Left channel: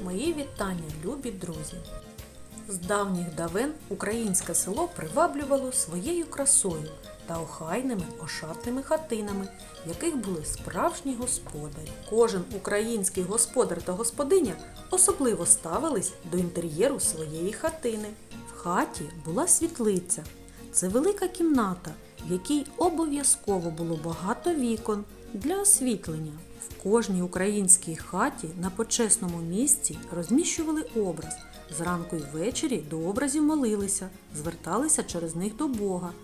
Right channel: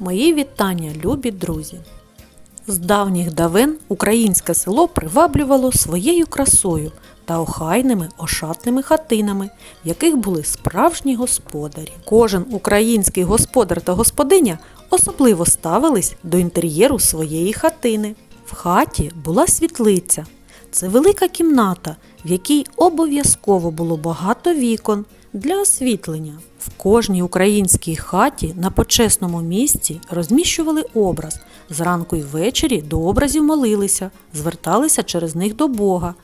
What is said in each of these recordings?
Мої вітання, любі друзі! З давніх давен українське село приваблювало своєю красою та охайними ошатними хатинами, в яких були справжні господарі. Кожен український господар та господиня особливо ставились до інтер'єру своєї хатини. В хаті була світлиця. Це велика кімната, в якій обов'язково було багато вікон для освітлення. В кожній українській хаті на почесному місці розміщували образ. Зранку й ввечері до образів молилися, зверталися через них до Бога.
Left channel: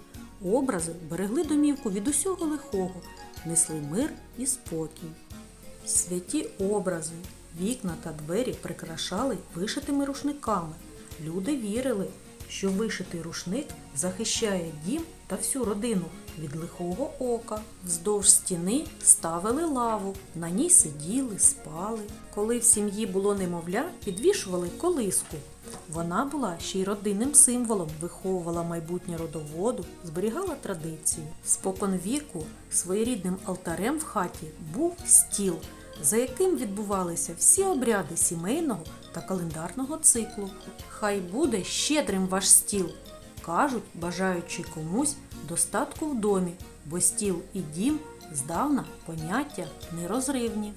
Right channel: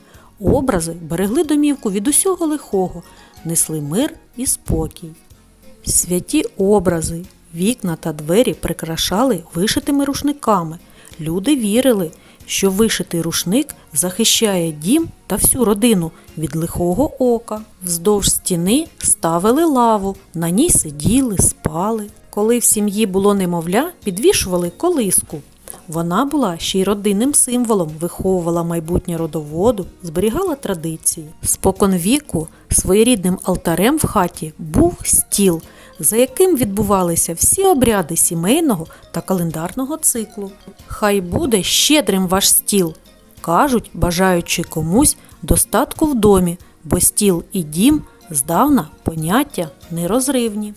Образи берегли домівку від усього лихого, несли мир і спокій. Святі образи, вікна та двері прикрашали вишитими рушниками. Люди вірили, що вишитий рушник захищає дім та всю родину від лихого ока. Вздовж стіни ставили лаву, на ній сиділи, спали. Коли в сім'ї було немовля, підвішували колиску. Вона була ще й родинним символом, виховувала майбутнє родоводу, зберігала традиції. Спокон віку своєрідним алтарем в хаті був стіл, за яким відбувалися всі обряди сімейного та календарного циклу. Хай буде щедрим ваш стіл, кажуть, бажаючи комусь достатку в домі, бо стіл і дім здавна поняття нерозривні.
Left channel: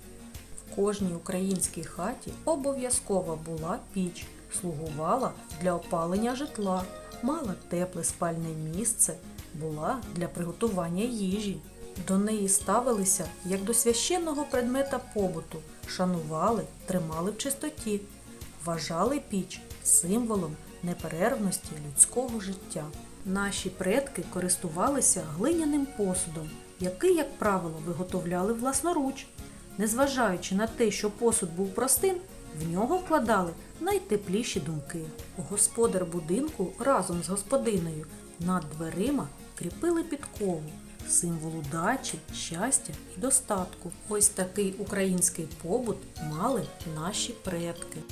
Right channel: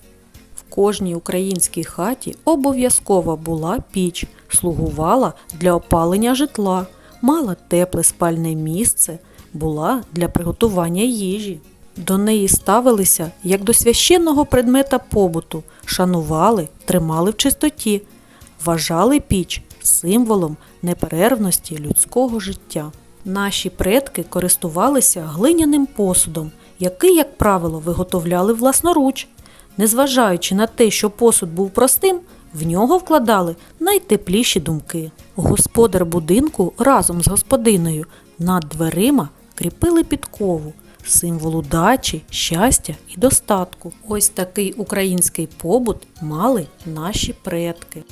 В кожній українській хаті обов'язково була піч, слугувала для опалення житла, мала тепле спальне місце, була для приготування їжі. До неї ставилися як до священного предмета побуту, шанували, тримали в чистоті, вважали піч символом неперервності людського життя. Наші предки користувалися глиняним посудом, який, як правило, виготовляли власноруч. Незважаючи на те, що посуд був простим, в нього вкладали найтепліші думки. Господар будинку разом з господиною над дверима кріпили підкову, символ удачі, щастя і достатку. Ось такий український побут мали наші предки.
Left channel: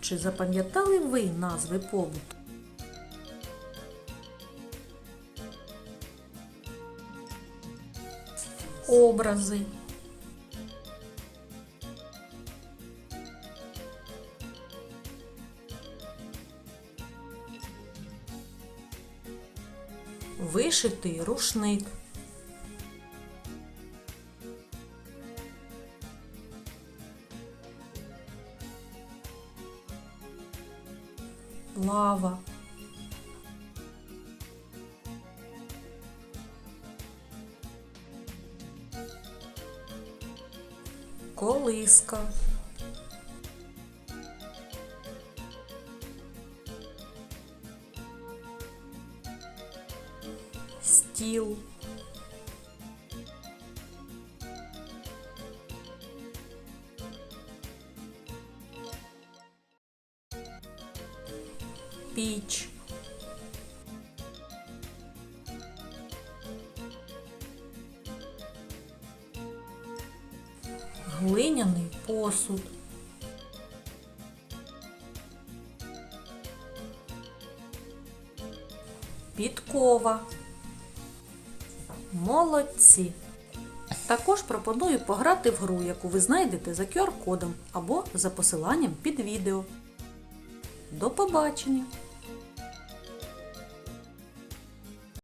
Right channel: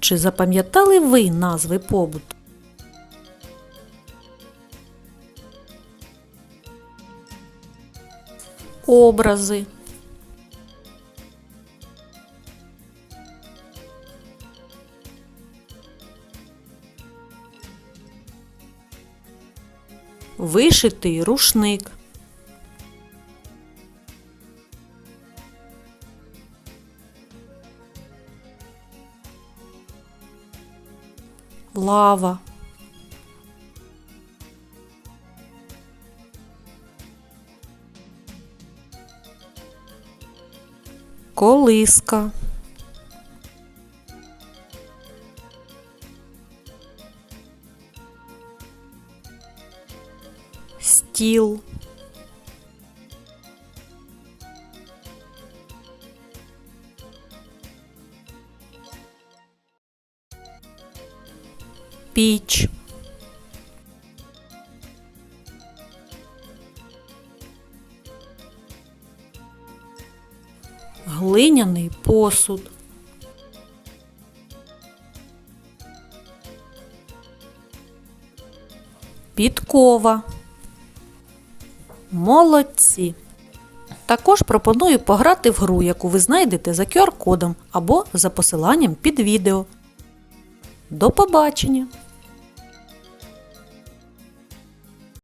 Чи запам'ятали ви назви побуту? Образи. Вишитий рушник. Лава. Колиска. Стіл. Піч. Глиняний посуд. Підкова. Молодці! Також пропоную пограти в гру, яку ви знайдете за QR-кодом або за посиланням під відео. До побачення!